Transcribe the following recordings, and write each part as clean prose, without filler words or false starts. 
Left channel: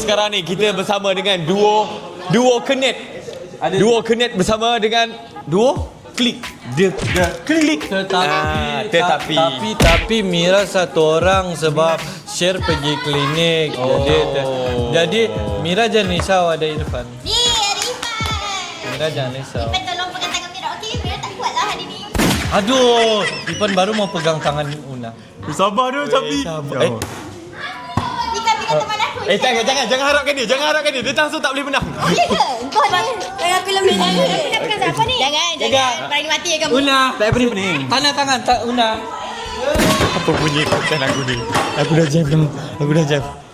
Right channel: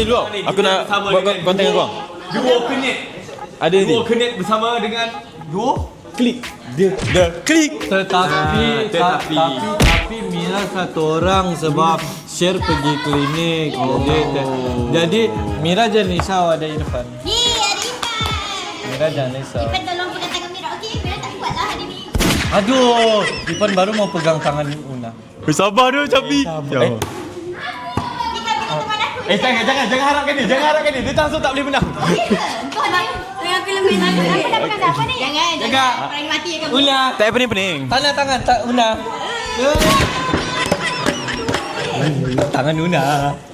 sekarang ni kita bersama dengan duo Kenet. Duo Kenet bersama dengan duo Klik. The Klik. Tapi Mira satu orang sebab share pergi klinik. Jadi Mira jangan risau ada Irfan. Mira jangan risau. Tolong pegang tangan Mira. Okey, Mira tak kuat lah hari ni. Aduh, Irfan baru mau pegang tangan Una. Sabar dia tapi. Mira teman aku. Jangan harapkan dia. Dia langsung tak boleh menang. Ya ke? Engkau ni. Aku lebih nak pegang siapa ni? Jangan. Kau lagi mati kamu. Una, Tak apa pening. tangan Una. Apa bunyi aku dah jaga tangan Una.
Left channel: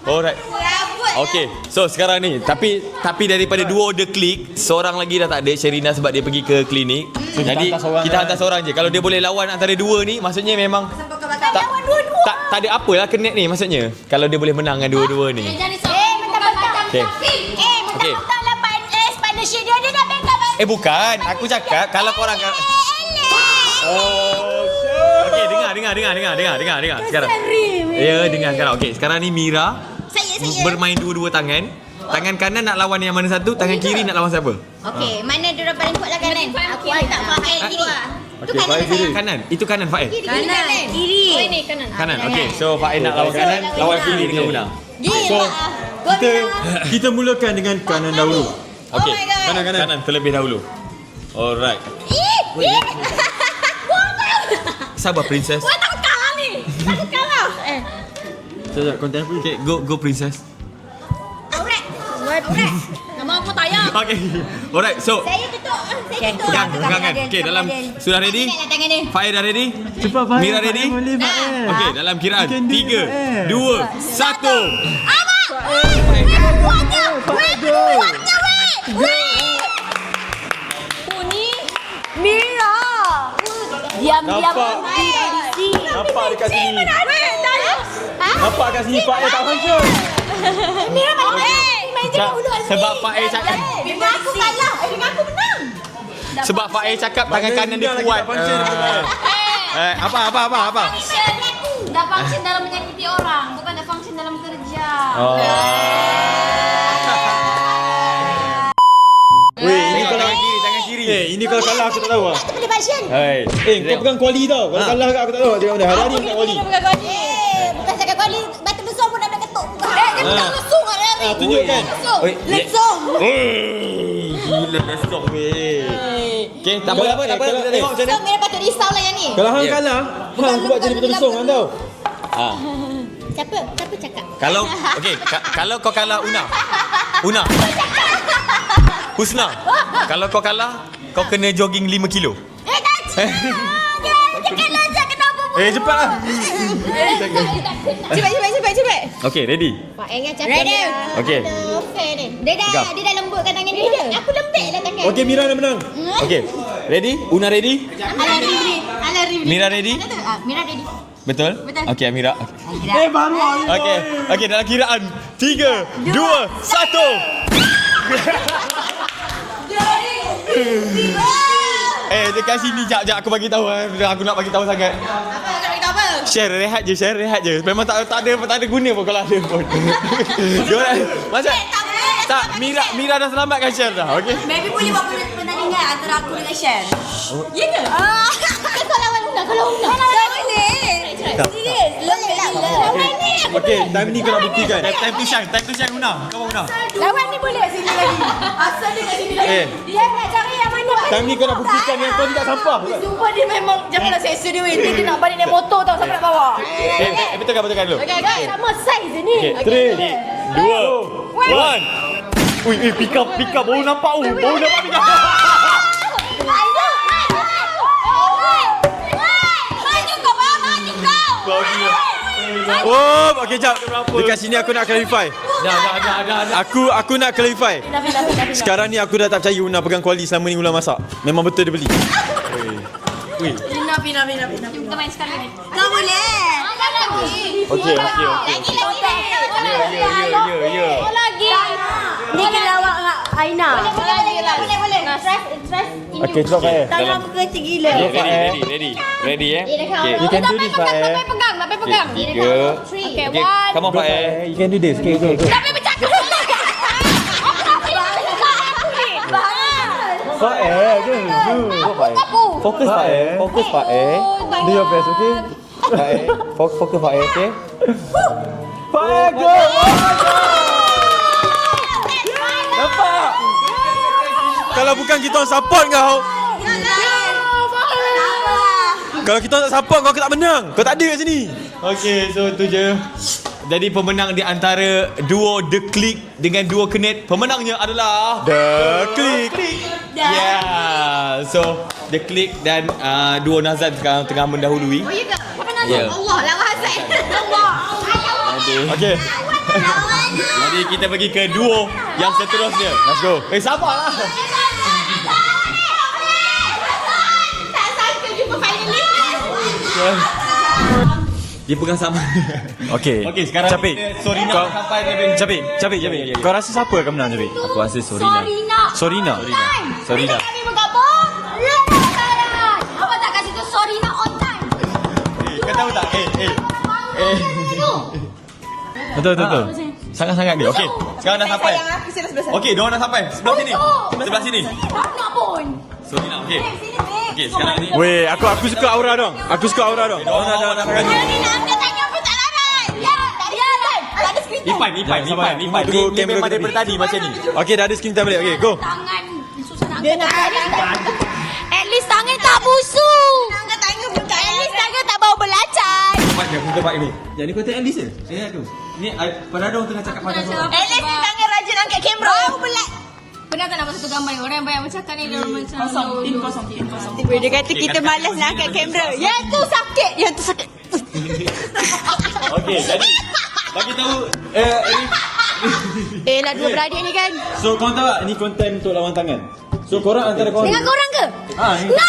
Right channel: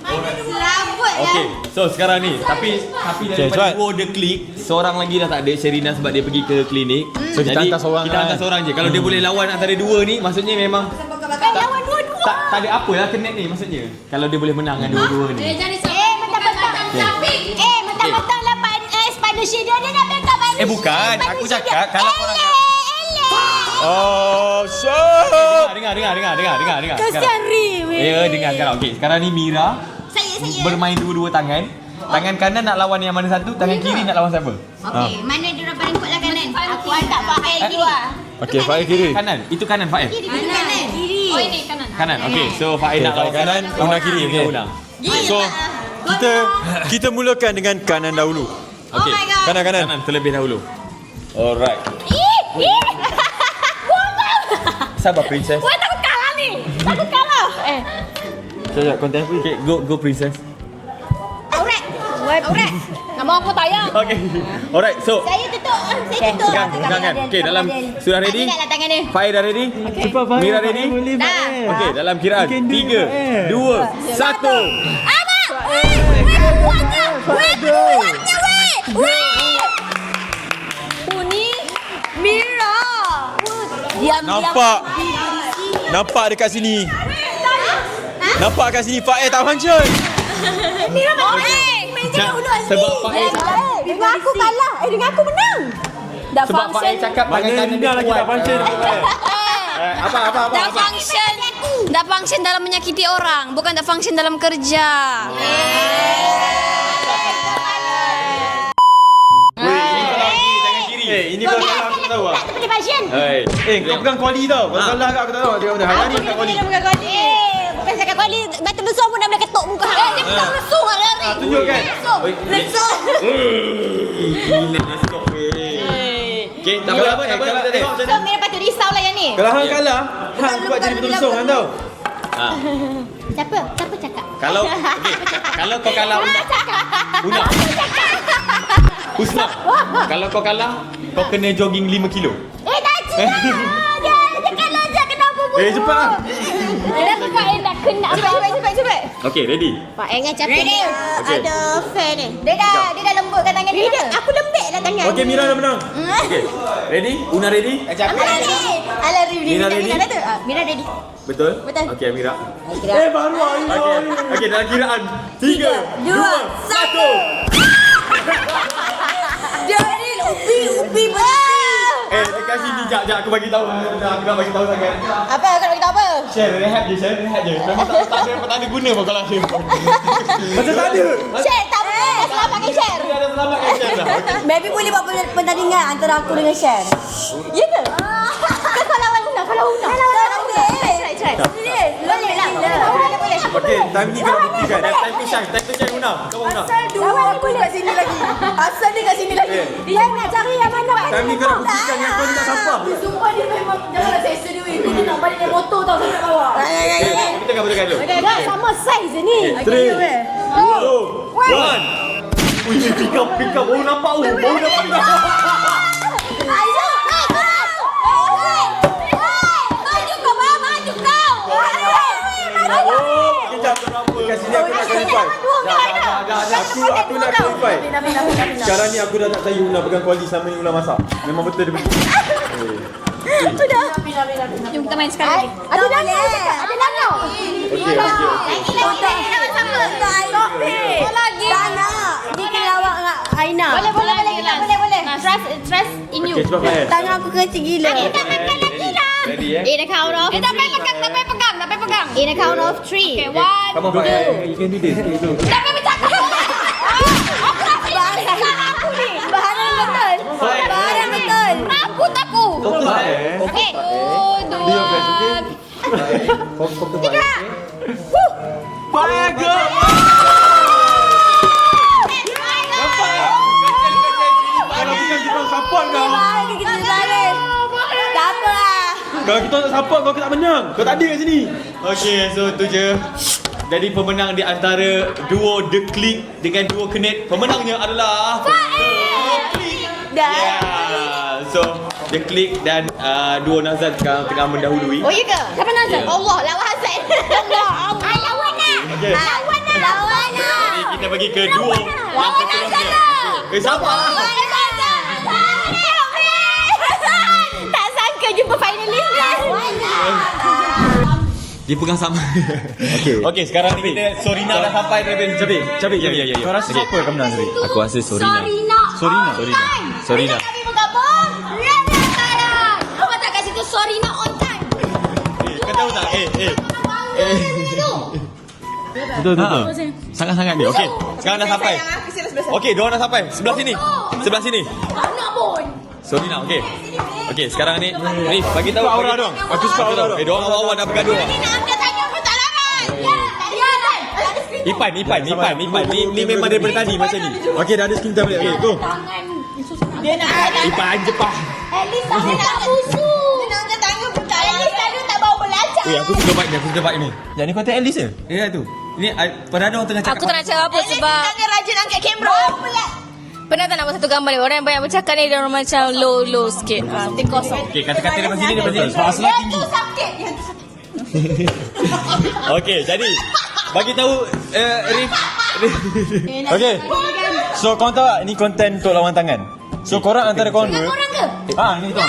Alright. Rambut lah. Okay, so sekarang ni tapi daripada duo The Click, seorang lagi dah tak ada, Sherina sebab dia pergi ke klinik. So kita hantar seorang kita lah. hantar seorang je. Kalau dia boleh lawan antara dua ni, maksudnya memang Lawan dua-dua. tak ada apalah Kenet ni maksudnya. Kalau dia boleh menang dengan dua-dua ni. Jangan risau. Mentang-mentang dapat partnership dia nak backup aku. Bukan, aku cakap kalau korang dengar. Sekarang. Ya, dengar sekarang. Okey, sekarang ni Mira bermain dua-dua tangan. Tangan kanan nak lawan yang mana satu, tangan kiri nak lawan siapa? Okey, mana dia orang paling kuat lah kanan? Aku hantar Fael kiri. Okey, Fael kiri. Kanan. Itu kanan Fael. Kanan. Kiri. Oh ini kanan. Kanan. Okey, so Fael nak lawan kanan, lawan kiri dia. So, Kita mulakan dengan kanan dahulu. Okey. Kanan terlebih dahulu. Alright. Sabar princess. Wah, takut kalah ni. Takut kalah. Sekejap, konten apa? Okay, go princess. Aurat. Nama aku tayang. Okay. Alright, so Saya tutup. Saya tutup. pegang kan. Okay, dalam sudah ready? Tak tangan dia. Fail dah ready? Cepat Fail. Mira ready? Dah. Okay, dalam kiraan 3, 2, 1. Mira. Diam-diam. Nampak dekat sini. Nampak kat sini Fael tak function. Mira mana? Meja dulu. Sebab Fael cakap Dengan aku kalah. Dengan aku menang. sebab Fael cakap tangan kanan dia kuat. Apa? Tak function dalam menyakiti orang, bukan tak function dalam kerja. Tangan kiri. Ini kalau salah aku tak tahu lah. Tak boleh function. Kau pegang kuali tau. Kalau salah aku tak tahu. Dia mana? Hari ni pegang kuali. Bukan cakap balik. Batu besar pun nak boleh ketuk muka. Dia bukan musuh kat lari. Tunjukkan. Let's go. Let's go. Okay, tak apa. Kita tengok macam So, Mira patut risau lah yang ni. Kalau hang kalah, hang buat jadi betul-betul hang tahu. Siapa cakap? Kalau kau kalah Una. Husna. Kalau kau kalah, kau kena jogging 5 kilo. Tak cik. Dia kalah je. Kenapa pun? Cepatlah. Tak kena. Cepat. Okay, ready? Pak Engan capek. Ready. Okay. Aduh, fair ni. Dia dah lembutkan tangan dia. Aku lembutkan tangan. Okey, Mira dah menang. Okay, ready? Una ready? Alah, Mira ready? Mira ready. Betul? Okay, Amira. Okay, dalam kiraan 3, 2, 1. Dekat sini jap aku bagi tahu. Aku nak bagi tahu sangat. Apa kau nak beritahu apa? Share rehat je. Memang tak ada guna pun kalau ada pun. Share tak boleh. Tak, Mira dah selamatkan Share dah. Okey. Maybe boleh buat pertandingan antara aku dengan Shan. Ya ke? Kau lawan Una. Boleh lah. Lawan ni. Okey, time ni kau nak buktikan. Time to shine Una. Kau Una. Lawan ni boleh. Asal dia kat sini lagi. Eh. Dia nak cari yang mana paling Time ni kau nak buktikan yang kau ni tak sampah. Sumpah dia memang janganlah seksa dia weh. Dia nak balik naik motor tau sampai nak bawa. Betulkan dulu. Dah sama saiz je ni. 3, 2, 1. Ui, pikam. Baru nampak. Oh, okey jap. Dekat sini aku nak clarify. Aku nak clarify. Sekarang ni aku dah tak percaya Una pegang kuali selama ni Una masak. Memang betul dia beli. Mira. Kita main sekali lagi. Tak boleh. Okey. Lagi. Lagi. Ni kena awak dengan Aina. Boleh. Trust in you. Okey, cuba Fael. Tangan aku kecil gila. Ready eh? In a count of... Tak payah pegang. In a count of 3. Okay, 1. Come on Fael. You can do this. Okay. Tak payah bercakap. Fokus Pak Fokus Pak Do your best, okay? Pak Fokus Pak okay? Fire, go! Kalau bukan kita orang support kau. Kalau kita orang support kau tak menang. Kau tak ada kat sini. Okay, so tu je. Jadi pemenang di antara duo The Click dengan duo Kenet, pemenangnya adalah The Click. Yeah. So The Click dan duo Nazan sekarang tengah mendahului. Oh, ya ke? Siapa Nazan? Ya. Allah, lawan Hasan. Allah. Okay. Jadi kita pergi ke duo yang seterusnya. Let's go. Sabar. Tak sangka jumpa finalis. Dia pegang sama. Okey, sekarang kita Sorina dah sampai terlebih. Capik. Ya. Kau rasa siapa yang menang Capik? Aku rasa Sorina. Sorina. Sorina. Kami bergabung. Apa tak kasih tu Sorina on time? Kau tahu tak? Betul. Sangat-sangat dia. Okey. Sekarang dah sampai. Okey, dua dah sampai. Sebelah sini. Nak pun. Sorina, okey. Okey, sekarang ni. Weh, aku bagi suka tahu- aura dong. Aku suka aura dong. Dua orang lawan nak bergaduh. Dia tanya apa tak lawan. Ya, tadi lawan. Ada skrip. Ipan. Ni memang daripada tadi macam ni. Okey, dah ada skin tablet. Okey, go. Tangan susah nak. Dia nak. Ipan Jepang. At least tangan tak busuk. Angkat tangan bukan. At least tangan tak bau belacan. Aku suka part ni. Yang ni konten Alice ke? Ya tu. Ni pernah ada orang tengah cakap. Aku tak nak cakap apa sebab tangan rajin angkat kamera. Aku belat. Pernah tak nampak satu gambar ni orang yang banyak bercakap ni dia orang macam low sikit. Dia kata kita malas nak angkat kamera. Yang tu sakit. Okey, jadi bagi tahu Rif. Nak Okey. berani ni kan. So korang tahu tak ni konten untuk lawan tangan? So korang antara korang Dengan korang ke? ni kan.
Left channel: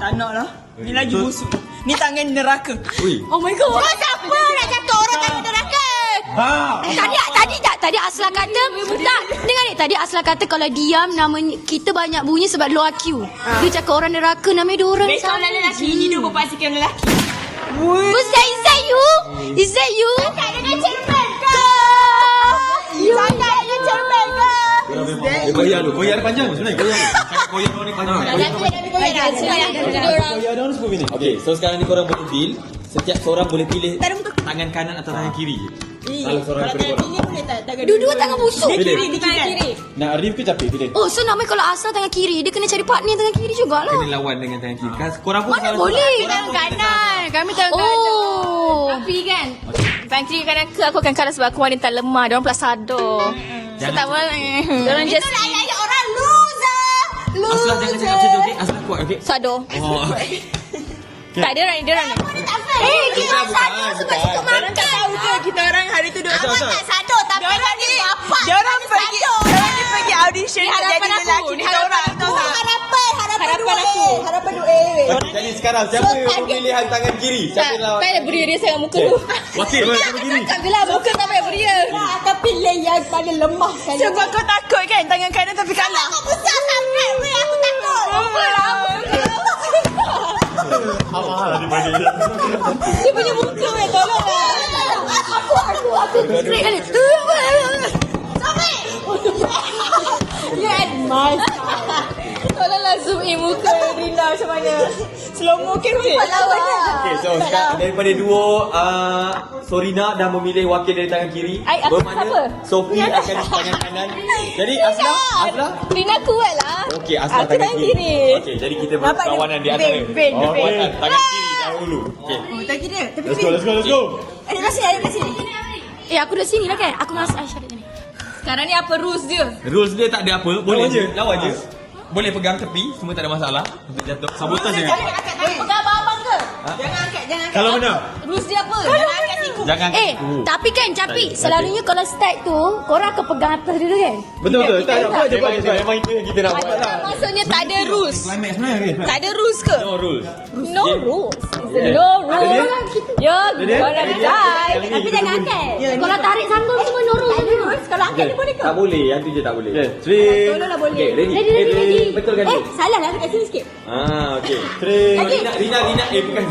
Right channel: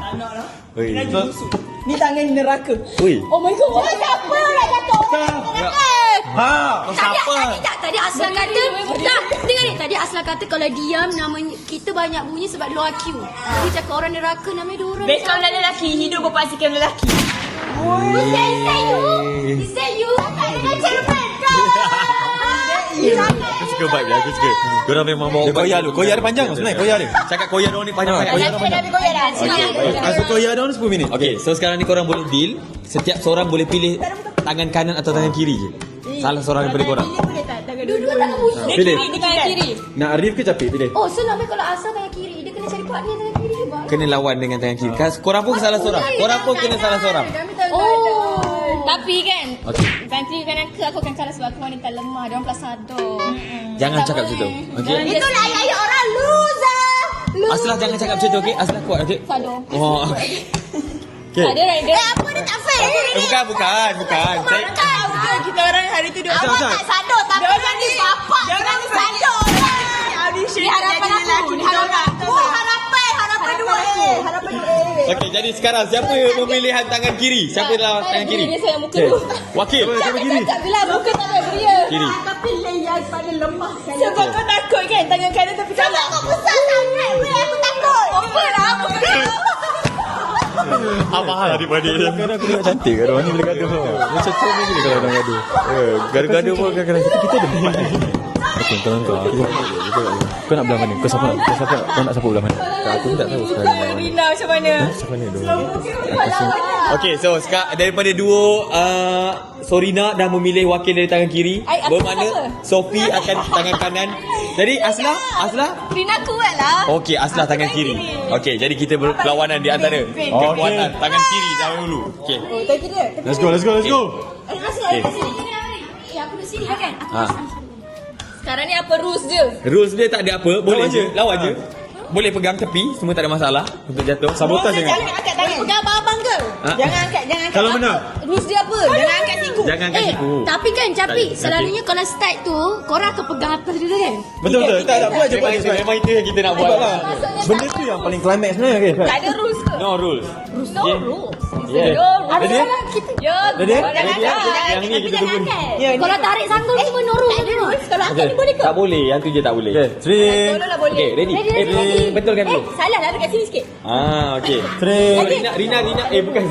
Tak nak lah. Ni lagi busuk. Ni tangan neraka. Ui. Oh my god. Siapa nak cakap orang tadi neraka? Tadi Asla kata dengar ni tadi Asla kata kalau diam namanya kita banyak bunyi sebab low IQ. Dia cakap orang neraka namanya dia orang. Besok lah lelaki. Ni dia berpastikan lelaki. Is that you? Is that you? Tak dengan cermin bro. You Suka vibe dia, aku suka. Diorang memang mau Koyak dia panjang sebenarnya. Koyak ni. cakap koyak diorang ni panjang. Koyak dia 10 minit. Okey, so sekarang ni korang boleh deal. Setiap seorang boleh pilih tangan kanan atau tangan kiri je. Salah seorang daripada korang. Pilih boleh tak? Tangan Dua-dua tangan busuk. Dia kiri, dia Tangan kiri. Nak Arif ke Capik pilih? Oh, so namanya kalau Asla tangan kiri, dia kena cari partner tangan kiri jugalah. Kena lawan dengan tangan kiri. Kan korang pun salah seorang. Korang pun kena salah seorang. Kami tangan oh. Tapi kan, nanti kadang aku akan kalah sebab aku wanita lemah. Diorang pula sadar. Jangan cakap gitu. Diorang just ayah orang loser. Aslah jangan cakap macam tu, okey? Aslah kuat, okey? Sadar. Oh. Tak ada rider. Apa dia tak fair? Bukan. Kita orang hari tu duduk. Awak tak sadar tapi nanti bapak. Diorang pergi audition. Harapan aku. Harapan 2A. Harapan 2A. Okey, jadi sekarang siapa yang memilihan tangan kiri? Siapa lawan tangan kiri? Dia sayang muka tu. Wakil. Cakap gelar muka tak payah punya. Tapi yang paling lemah sekali. Sebab kau takut kan tangan kanan tapi kau tak Besar sangat ni aku takut. Apa daripada dia? Kadang aku tengok cantik. Orang ni boleh kata macam tu ni dia gaduh. Gaduh-gaduh kita ada. Tolong kau. Kau nak belah mana? Kau nak siapa belah mana? Aku tak tahu. muka Rina macam mana? Slow motion Okey, so sekarang daripada duo Sorina dah memilih wakil dari tangan kiri. Bermakna Sophie akan tangan kanan. Jadi Asla? Rina kuat lah. Okey, Asla tangan kiri. Okey, jadi kita berlawanan di antara. Berlawanan tangan kiri dahulu. Okey. Oh, tak kira. Tapi Let's go. Aku dah sini lah kan. Aku rasa Aisyah dah sini. sekarang ni apa rules dia? Rules dia tak ada apa, boleh je. Lawan je. Boleh pegang tepi, semua tak ada masalah untuk jatuh. Sabotaj jangan. Boleh pegang abang ke? Jangan angkat. Kalau mana? Rules dia apa? Jangan angkat siku. Jangan angkat siku. Tapi kan Capi, selalunya kalau start tu korang akan pegang atas dulu kan? Betul. Tak ada apa je. Memang itu yang kita nak buat. Maksudnya tak ada rules. Paling climax sebenarnya kan? Tak ada rules ke? No rules. No rules. Ada orang kita. Ya, Tapi jangan angkat. Korang tarik sangkut semua normal. Tak ada rules. Kalau angkat ni boleh ke? Tak boleh, yang tu je tak boleh. tolonglah boleh. Okay, ready? Betulkan tu. Salah lah dekat sini sikit. Okey. Rina. Bukan.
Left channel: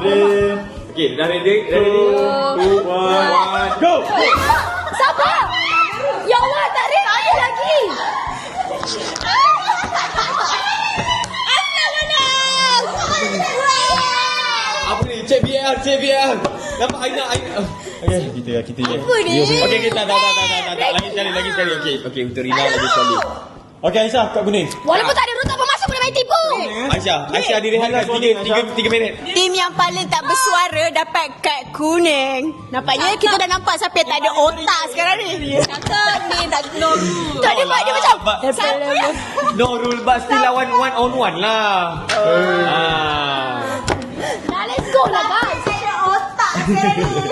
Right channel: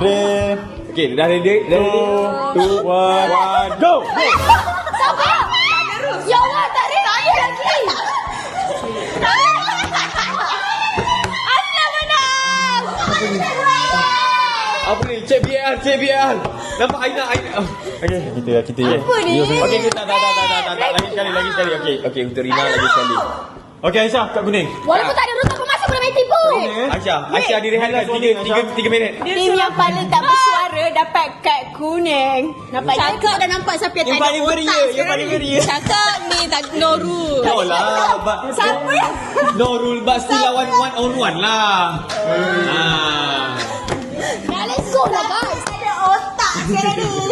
Frame. Okey, dah ready? 2, 1, go! Sabar. Ya Allah, tarik lagi. biar. Nampak Aina. Okey. Kita. Okey, kita tak. Lagi sekali. Okey, untuk Rina lagi sekali. Okey, Aisyah, kat kuning. Walaupun tak ada rutut pun masuk boleh main tipu. Aisyah direhatkan 3 minit. Tim yang paling tak bersuara dapat kad kuning. Nampaknya kita dah nampak siapa yang tak ada otak sekarang ni. Cakap ni tak no rule. Tak lah. No rule but still lawan one on one lah. Dah let's go lah guys. Ada otak sekarang ni.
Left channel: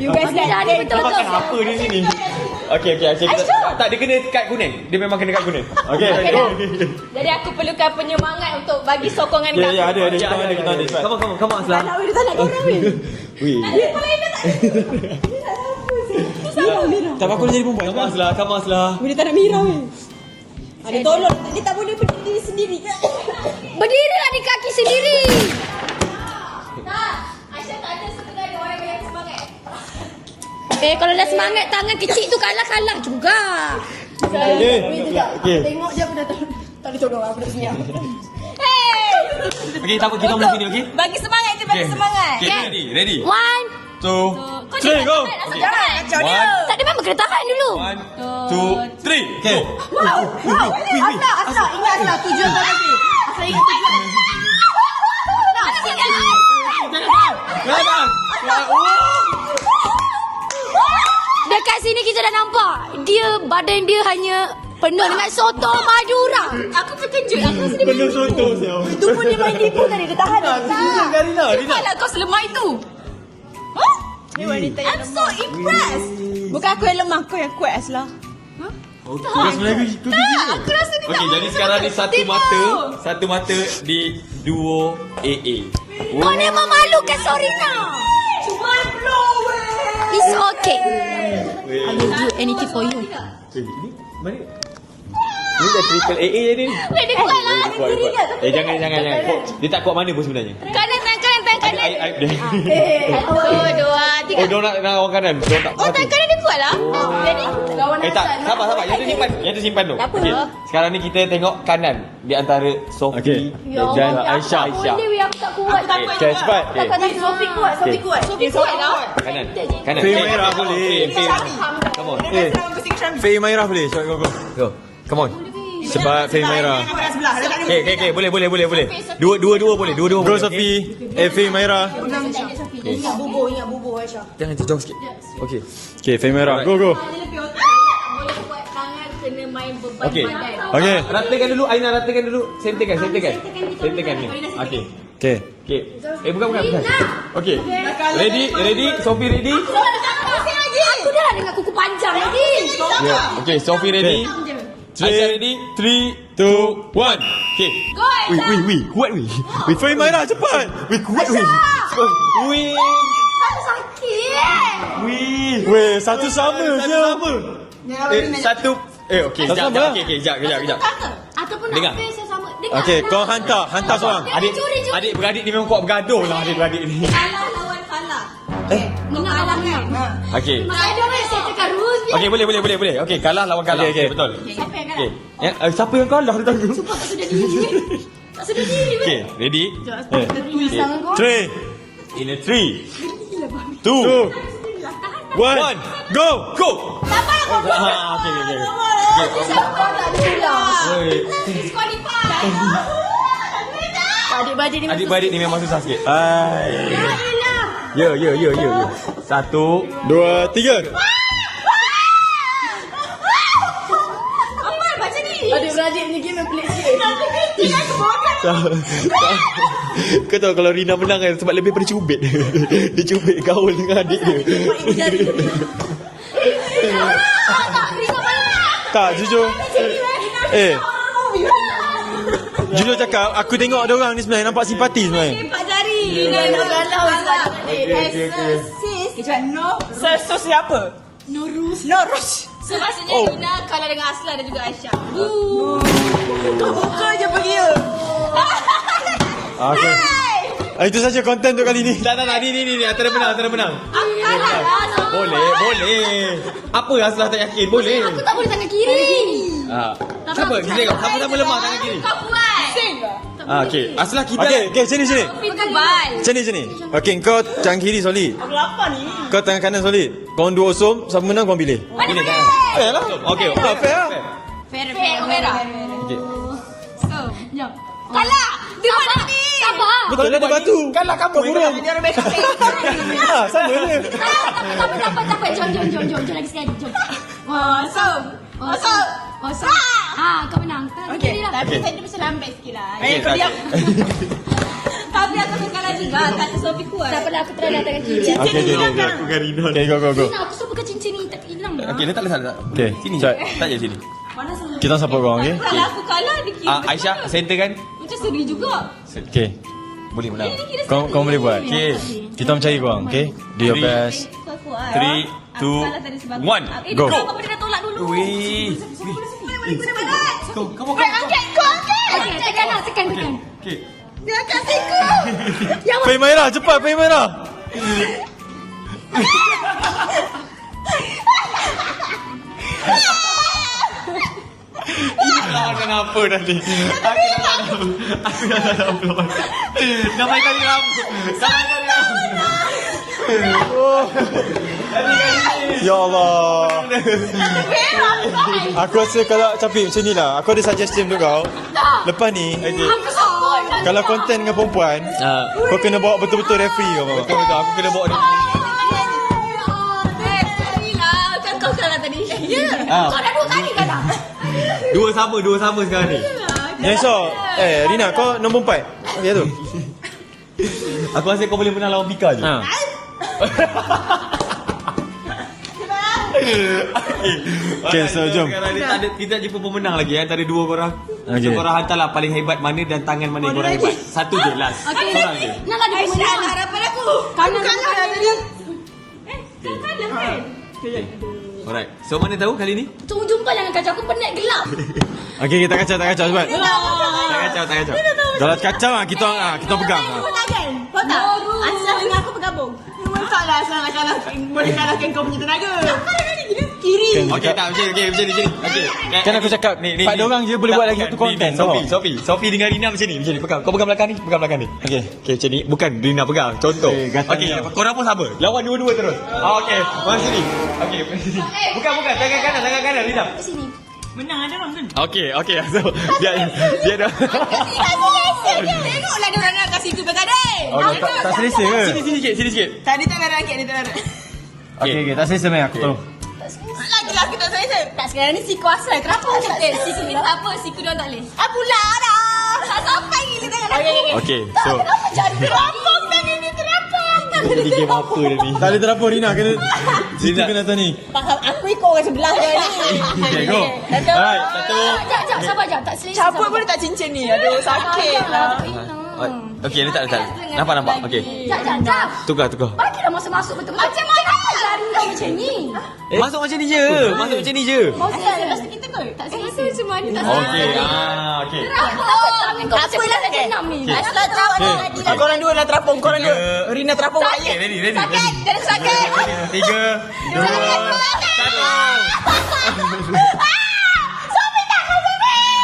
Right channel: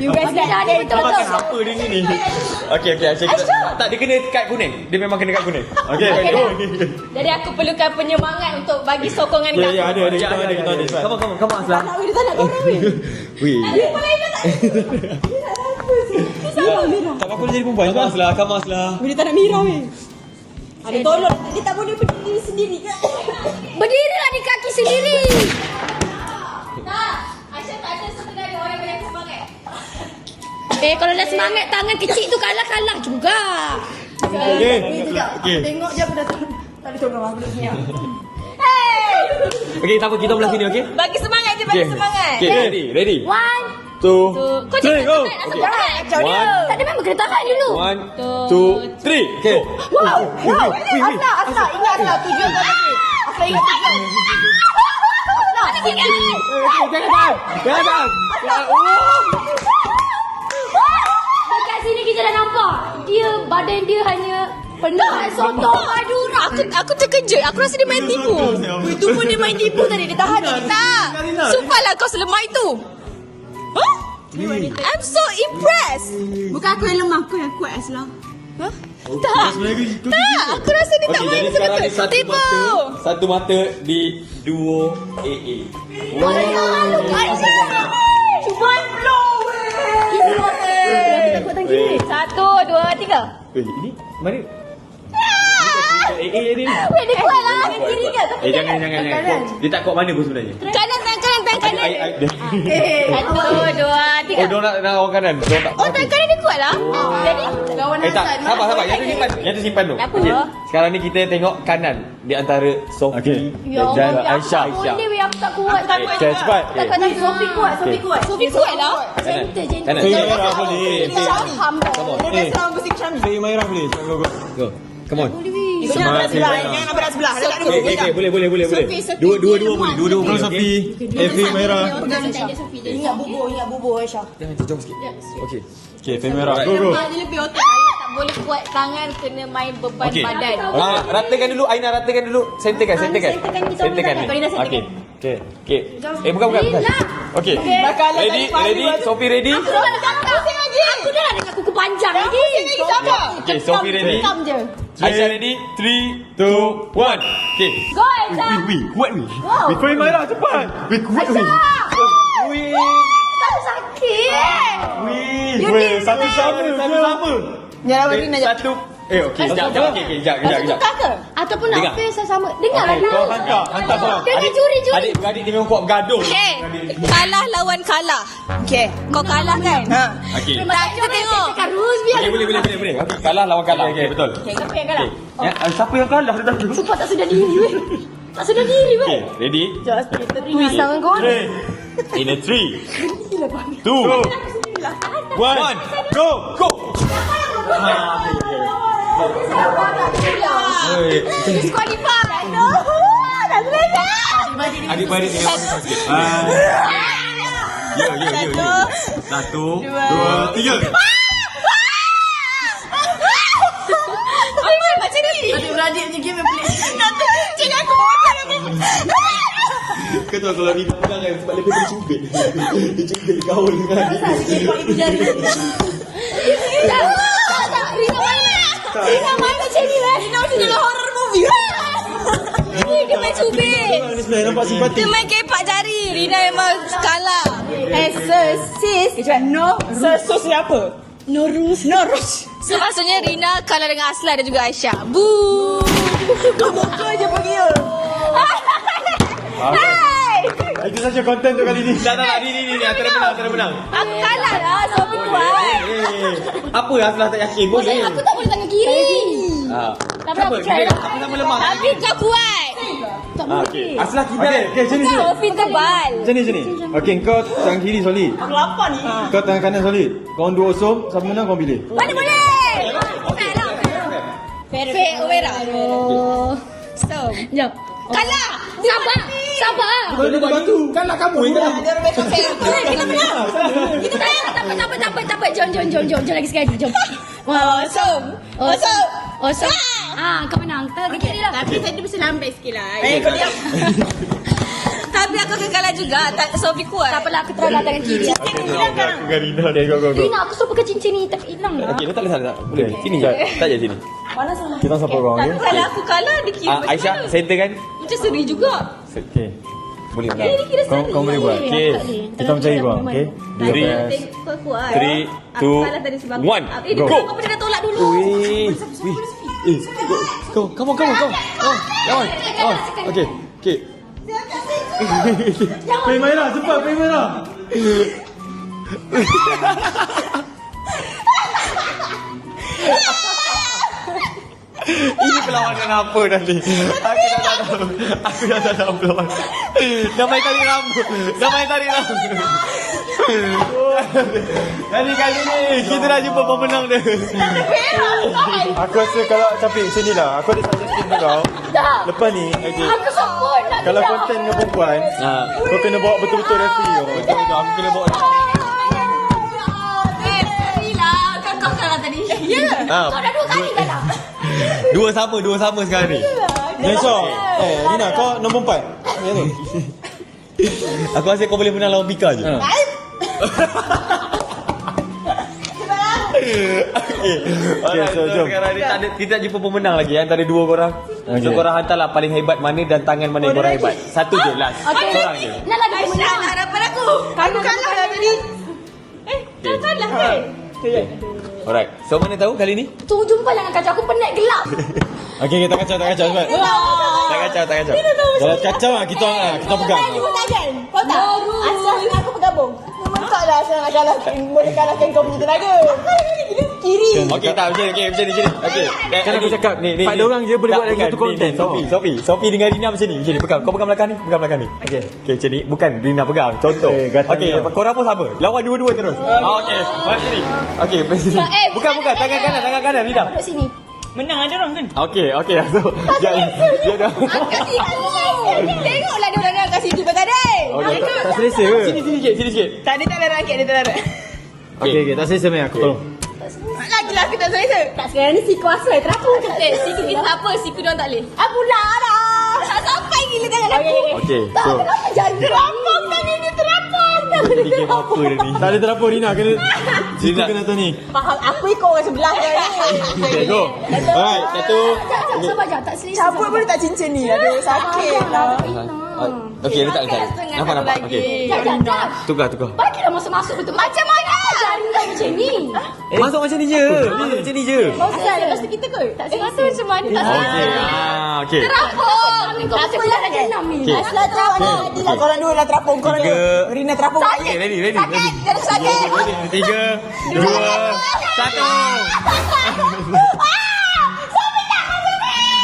Okey dah ni betul-betul. Makan apa di sini? Okey, Aisyah. Tak, dia kena kad kuning. Dia memang kena kad kuning. Okey, go. Jadi aku perlukan penyemangat untuk bagi sokongan kau. Ya, ada. Kita ada. Come on, Aslan. Tak boleh tak nak korang weh. Wih. Tak apa, aku nak jadi perempuan. Come on, Aslan. Boleh tak nak Mira weh. Ada tolong. Kita boleh berdiri sendiri kan? Berdirilah di kaki sendiri. Tak, Aisyah tak ada sekedar orang yang semangat. Kalau dah semangat tangan kecil tu kalah juga. Okey. Tengok je aku dah tahu. Tak ada tolong aku nak siap. Okey, tak apa, kita belah sini, okey? Bagi semangat je, bagi semangat. Okay, ready? 1, 2, 3, go. Okay. tak ada memang kena tahan dulu. 1, 2, 3. Okay. Asal, ingat asal tujuan kau ni. Asal ingat tujuan. Jangan. Dekat sini kita dah nampak. Badan dia hanya penuh dengan sotong Madura. Aku terkejut. Aku rasa dia main tipu. Itu pun dia main tipu tadi. Dia tahan tadi. Tak. Sumpahlah kau selemah itu. I'm so impressed. Bukan aku yang lemah, kau yang kuat Aslah. Aku rasa dia tak Okey, jadi sekarang ni satu mata di duo AA. Kau ni memalukan seorang. Cuba blow. It's okay. 1, 2, 3. Ini mari. Ini dah triple AA ni. Dia kuat lah. Jangan. Dia tak kuat mana pun sebenarnya. Kanan. Adik. 1, 2, 3. Oh, dia nak orang kanan. Dia tak Oh, hati. kanan dia kuat lah. Lawan Tak. Sabar. Yang tu simpan tu. Okey. Sekarang ni kita tengok kanan di antara Sophie dan Aisyah. Boleh aku tak kuat. Okay, cepat. Takut nanti Sophie kuat. Sophie kuat lah. Kanan. Faye Maira boleh. Faye Maira boleh. Go. Come on. Sebab Faye Maira. Okay, boleh. Dua-dua boleh. Dua-dua Sophie. Faye Maira. Ingat bubur Aisyah. Jangan jauh sikit. Okey. Okay, Faye Maira. Go. Lebih otak tak boleh buat tangan kena main beban Okey. badan. Okey, ratakan dulu Aina, ratakan dulu. Senterkan. Senterkan ni. Okey. Okey. Bukan. Okey. Ready? Sophie ready? Aku dah dengan kuku panjang lagi. Okey, Sophie ready? Aisyah ready? 3, 2, 1. Okey. Go Aisyah. Kuat weh. Faye Maira cepat. Kuat weh. Tak sakit. Weh, satu sama. Satu. Okey, sekejap. Ataupun Dengar. nak face sama. Dengar. Okay, kau hantar seorang. Dengar juri. Adik-beradik ni memang kuat bergaduh lah Okay. adik-beradik ni. Kalah lawan kalah. Okay. Kau kalah kan? Okey. Tak, kita tengok. Tekan rules biar. Okey, boleh. Okey, kalah lawan kalah. Okey, betul. Siapa yang kalah? Ya, siapa yang kalah? Sumpah tak sedar diri. Tak sedar diri. Okey, ready? Pisang kau. 3, In a 3, 2, 1, go! Disqualify. Adik-beradik ni memang susah sikit. Yo. 1, 2, 3. Macam ni. Adik-beradik ni game yang pelik sikit. Jadi aku botak. Kau tahu kalau Rina menang kan sebab lebih pada cubit. Dia cubit gaul dengan adik dia. Tak, jujur. Jujur cakap, aku tengok diorang ni sebenarnya nampak simpati. Dia main kepak jari. Rina memang kalah. Sis. No. Sus siapa? No rules. So maksudnya Rina kalah dengan Aslan dan juga Aisyah. Boo. Kau buka je pergi je. Itu saja konten tu kali ni. Tak, ni antara menang. Aku kalah lah. Boleh. Apa Aslah tak yakin? Boleh. Aku tak boleh tangan kiri. Cuba kita tengok sama-sama lemah. Aku kau buat. tak Ah, boleh. okey. Aslah kita. Okey, sini. Sini. Okey, kau tangan kiri solid. Aku lapar ni. Kau tangan kanan solid. Kau dua osop, siapa menang kau pilih. Mana boleh? Okey, fair. Fair, Vera. Jom. Kalah. Dia sabar. Sabar. Betul dia batu. Kalah kamu ini. Tak apa. Jom lagi sekali. Jom. Kosong. Kau menang. Tapi saya mesti lambat sikit lah. Tapi aku akan kalah juga. Tak Sophie kuat. Tak apalah, aku teralah tangan kiri. Cincin ni hilang sekarang. Garina tengok kau. Rina, aku tak pakai cincin ni. Tak hilang lah. Okey, tak. Okey, sini. Tak je sini. Kita support kau, okey? Kalau aku kalah, dia kira macam Aisyah, mana? center kan? Macam seri juga. Okey. Boleh menang. Dia kira Kau seri. boleh buat. Okey. Kita mencari kau, okey? Dia Three. best. 3, 2, 1. Go. Kau boleh dah tolak dulu. Kau. Okey. Dia akan siku. Fai Maira, cepat Fai Maira. Ini perlawanan apa dah ni? Aku dah dalam perlawanan. Dah main tadi rambut. Jadi kali ni kita dah jumpa pemenang dia. Aku rasa kalau Capik macam ni lah. Aku ada suggestion untuk kau. Lepas ni, Aku support. kalau konten dengan perempuan, kau kena bawa betul-betul referee kau. Betul, aku kena bawa. Kau kalah tadi. Dua sama sekarang ni. Yes, Rina, kau nombor 4. Ya tu. Aku rasa kau boleh menang lawan Pika je. Okay, so jom. Sekarang ni kita tak jumpa pemenang lagi antara dua korang. So korang hantarlah paling hebat mana dan tangan mana yang korang hebat. Satu je last. Okey. Seorang je. Nala ada pemenang. Harapan aku. Kanan tadi. Kau kalah kan? Alright. So mana tahu kali ni? Tunggu jumpa dengan kacau. Aku penat gelap. Okay, tak kacau cepat. Tak kacau. Kalau kacau kita pegang. Tangan. Kau tak? Asal dengan aku bergabung. Taklah asal nak kalahkan. Boleh kalahkan kau punya tenaga. Kiri. Okey macam ni. Okey. Kan aku cakap, ni. tak ada orang je boleh buat lagi satu konten. Sophie dengan Rina macam ni. Pegang. Kau pegang belakang ni. Okey macam ni. Bukan Rina pegang. Contoh. Okey, korang pun sama. Lawan dua-dua terus. Okey, mari sini. Okey, mari sini. Bukan tangan kanan Rina. Kat sini. Menang ada orang kan? Okey. Dia dah. Kasih aku. Tengoklah dia orang nak kasih tu tadi. Tak selesa ke? Sini sikit. Tak ada tak ada rakyat dia tak ada. Okey, tak selesa main aku. Lagi lah kita saya. Tak sekarang ni siku asal terapung cakap. Siku kita tak apa, siku dia tak boleh. Ah pula dah. Tak sampai gila tangan aku. Okey, so Jangan terapung tadi ni terapung. ini game apa ni? Tak ada terapa Rina, kena situ kena atas ni. Faham aku ikut orang sebelah dia ni. Okay, go. Alright, satu. Sabar jap. Tak selesa. Siapa pun tak cincin ni. Aduh sakit lah. Okey, letak. Nampak. Okey. Jap. Tukar. Bagilah masuk betul. Macam mana? Jangan buat macam ni. Masuk macam ni je. Masa kita kot. Tak selesa macam mana? Okey. Aku dah lagi 6 ni. Aslah tu ada tadi lah. Korang dua dah terapung. Korang dua. Rina terapung. Okay, ready. Terus sakit. 3, 2, 1.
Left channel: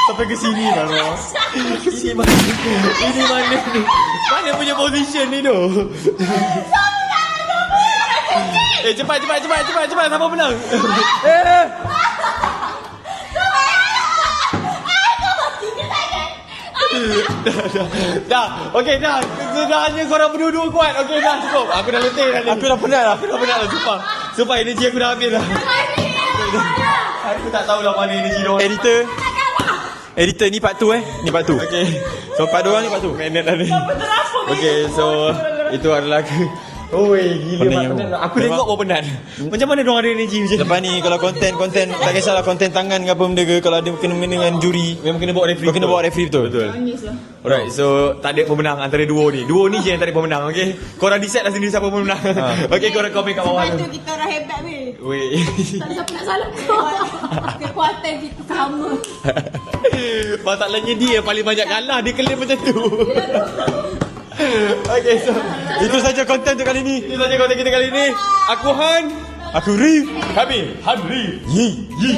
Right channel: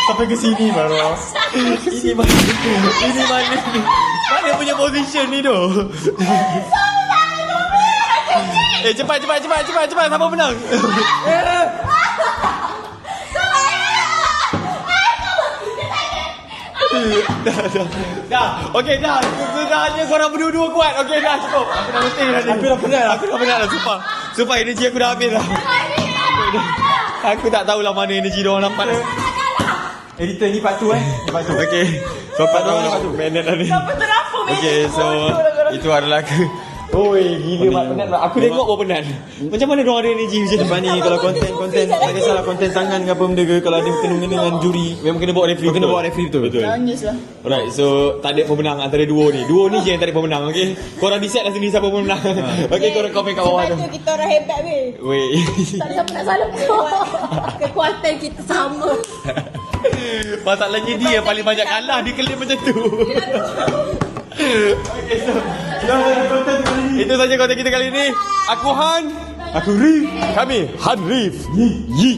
Sampai ke sini baru. Ini mana ni? Mana punya position ni tu? Cepat. Siapa menang? Dah. Okey, dah. Kerjaannya korang berdua-dua kuat. Okey, dah cukup. Aku dah mesti. Aku dah penat dah. Sumpah energi aku dah habis dah. Aku tak tahulah mana energi dia orang dapat. Editor ni part 2 Ni part 2. Okey. So part 2 ni part 2. Minit dah ni. Okey, so itu adalah oi, gila mana. Aku tengok baru penat. Macam mana diorang ada energi macam ni? Lepas ni kalau konten tak kisahlah konten tangan ke apa benda ke, kalau dia kena dengan juri, Memang kena bawa referee. kena bawa referee betul. Alright, so tak ada pemenang antara duo ni. Duo ni je yang tak ada pemenang, okey? Korang decide lah sendiri siapa pemenang. Okey, korang komen kat bawah tu. Sebab tu kita orang hebat weh. Weh. Tak ada siapa nak salah kekuatan kita sama. Masalahnya dia yang paling banyak kalah. Dia klaim macam tu. Okay, so Itu saja konten tu kali ni. itu saja konten kita kali ni. Aku Han. Aku Rif. Kami Han Rif. Yi.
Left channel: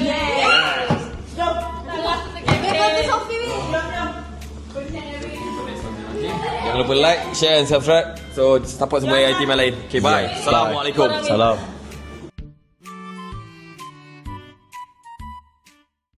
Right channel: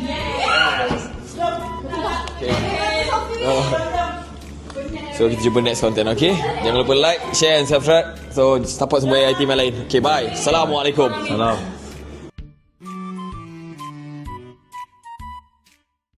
So kita jumpa next content, okay? Jangan lupa like, share and subscribe. So support semua IT lain. Okay, bye. Assalamualaikum. Salam.